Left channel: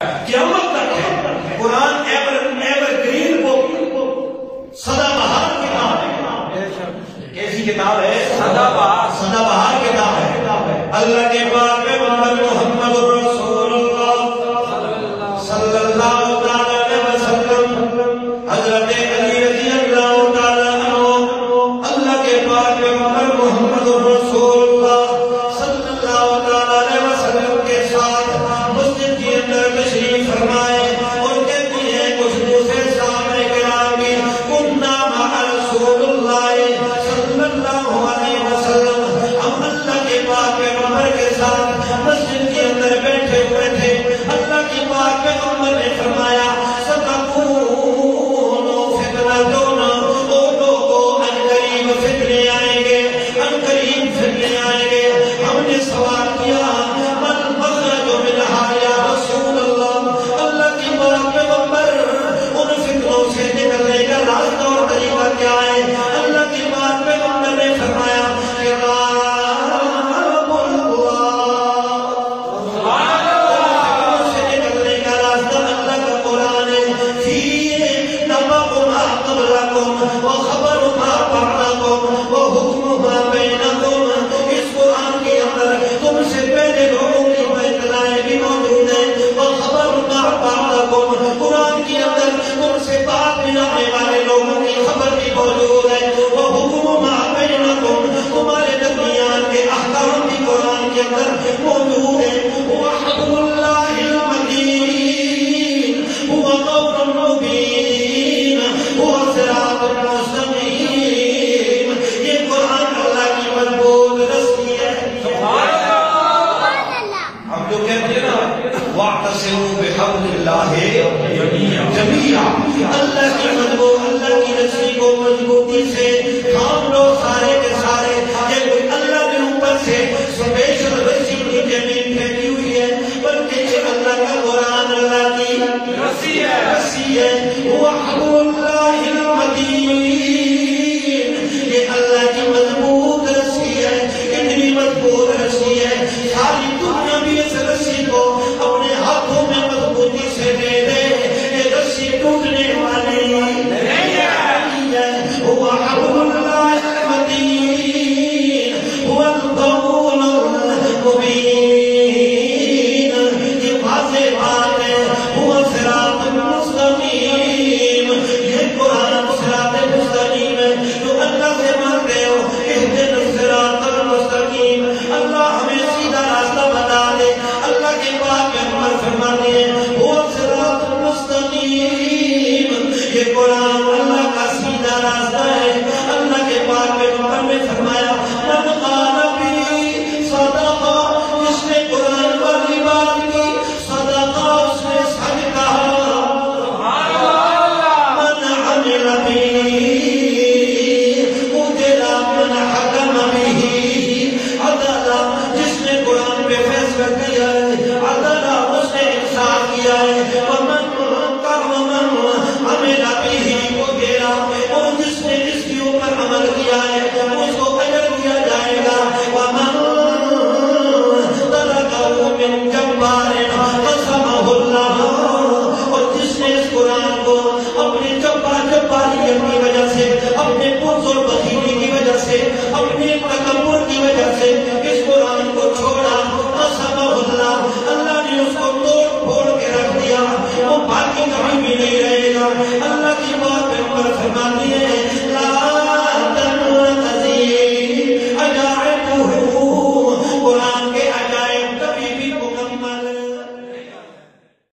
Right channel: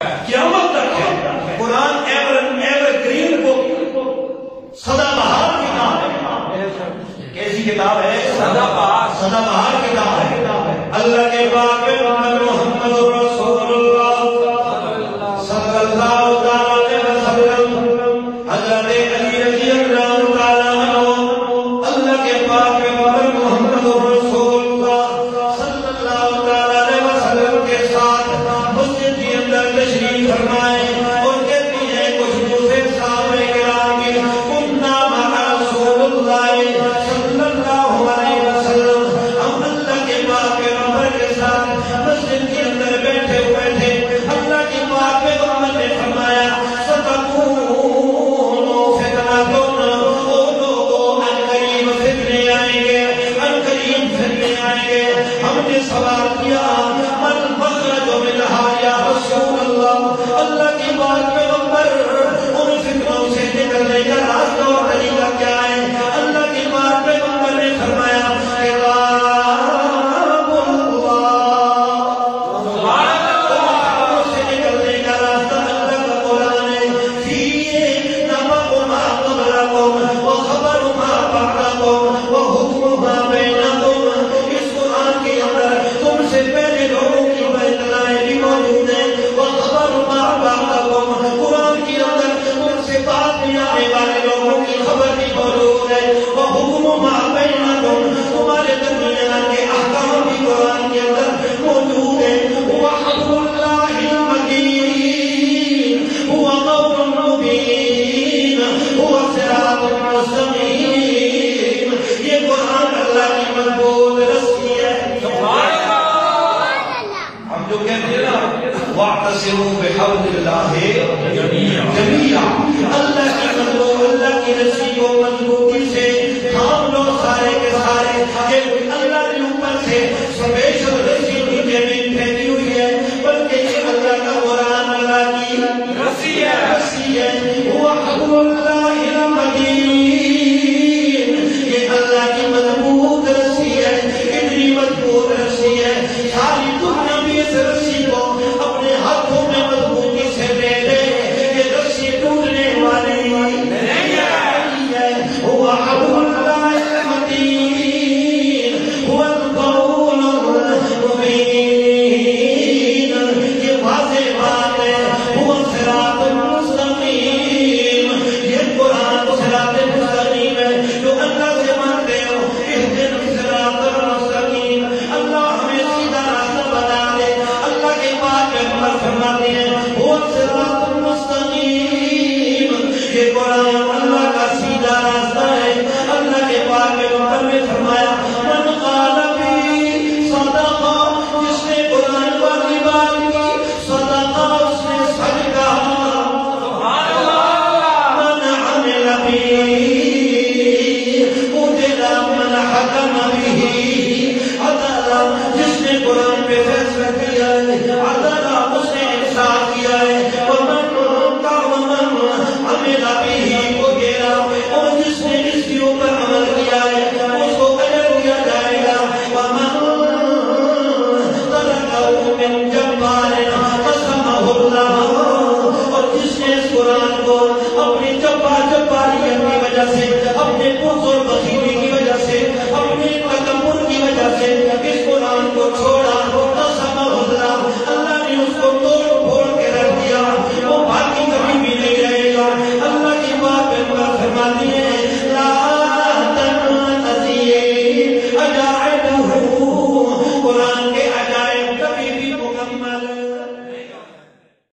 قیامت تک ہے. قرآن ایور گرین بک، سدا بہار کتاب ہے. کیسی کتاب ہے؟ سدا بہار کتاب ہے. اللہ کے پاک پیغمبر محمد رسول اللہ صلی اللہ علیہ وسلم، حضرت علی رضی اللہ تعالیٰ عنہ، اللہ کے پاک پیغمبر محمد رسول اللہ صلی اللہ علیہ وسلم کے ساتھ مسجد کے اندر تشریف فرمائے اور کہتی ہیں کچھ دوسرے صحابہ کرام بھی، کننا مع رسول اللہ صلی اللہ علیہ وسلم، ہم اللہ کے پاک پیغمبر کے ساتھ مسجد کے اندر بیٹھے ہوئے تھے. اللہ کے پاک پیغمبر نے فرمایا ستکون فتنۃ، وہ لوگوں عنقریب فتنے آئیں گے، عنقریب فتنے آئیں گے. ہم نے سوال کیا من مخرج منہا یا رسول اللہ، اللہ کی پاک پیغمبر ان فتنوں سے نکلنے کا راستہ اور طریقہ کیا ہے؟ اللہ کی پاک پیغمبر نے فرمایا کتاب اللہ سے نکلنے کا راستہ اللہ کا قرآن ہے. فیہ نبأ ما قبلکم وخبر ما بعدکم وحکم ما بینکم. اس قرآن کے اندر تم سے پہلے لوگوں کی اطلاعیں بھی موجود ہیں. وخبر ما بعدکم، قرآن کے اندر تم سے بعد میں آنے والے لوگوں کی خبر بھی موجود ہے. وحکم ما بینکم، تمہارے درمیان کے احکام بھی قرآن کے اندر موجود ہیں. وحبل اللہ المتین هو قول مبین هو صراط مستقیم. یہ قرآن اللہ کی مضبوط رسی ہے. ہم جو کہتے ہیں نا واعتصموا بحبل اللہ جمیعا، اللہ کی مضبوط، اللہ کی رسی کو مضبوطی سے تھام لو سارے کے سارے. یہ کوئی اللہ کے اوپر سے سپیشل رسی نیچے نہیں پھینکی ہوئی ہے، بلکہ یہ اللہ کا قرآن اللہ کی رسی ہے. رسی ہے وحبل اللہ المتین، یہ اللہ کی مضبوط رسی ہے. اتنی مضبوط رسی ہے ساری دنیا بھی اس رسی کو اپنے ہاتھوں میں مضبوطی سے لے لے، یہ رسی ٹوٹنے والی نہیں ہے. وحبل اللہ المتین هو القول المبین، یہ واضح بات ہے. هو صراط مستقیم، یہ قرآن صراط مستقیم ہے. جو اللہ سے مانتے ہو اہدنا الصراط المستقیم، اللہ ہمیں سیدھا راستہ بتا دے. اللہ کے پاک پیغمبر فرماتے ہیں هو صراط المستقیم، یہ قرآن اللہ کا سیدھا راستہ ہے. اللہ کے پاک پیغمبر نے فرمایا من قال بی صدقہ، جس نے قرآن والی بات کی صدقہ، اس نے سچ کہا. من عمل بی اجر من حکم بہ عدلا، جس نے قرآن پہ فیصلہ کیا ہے عدلا، اس نے انصاف کیا ہے.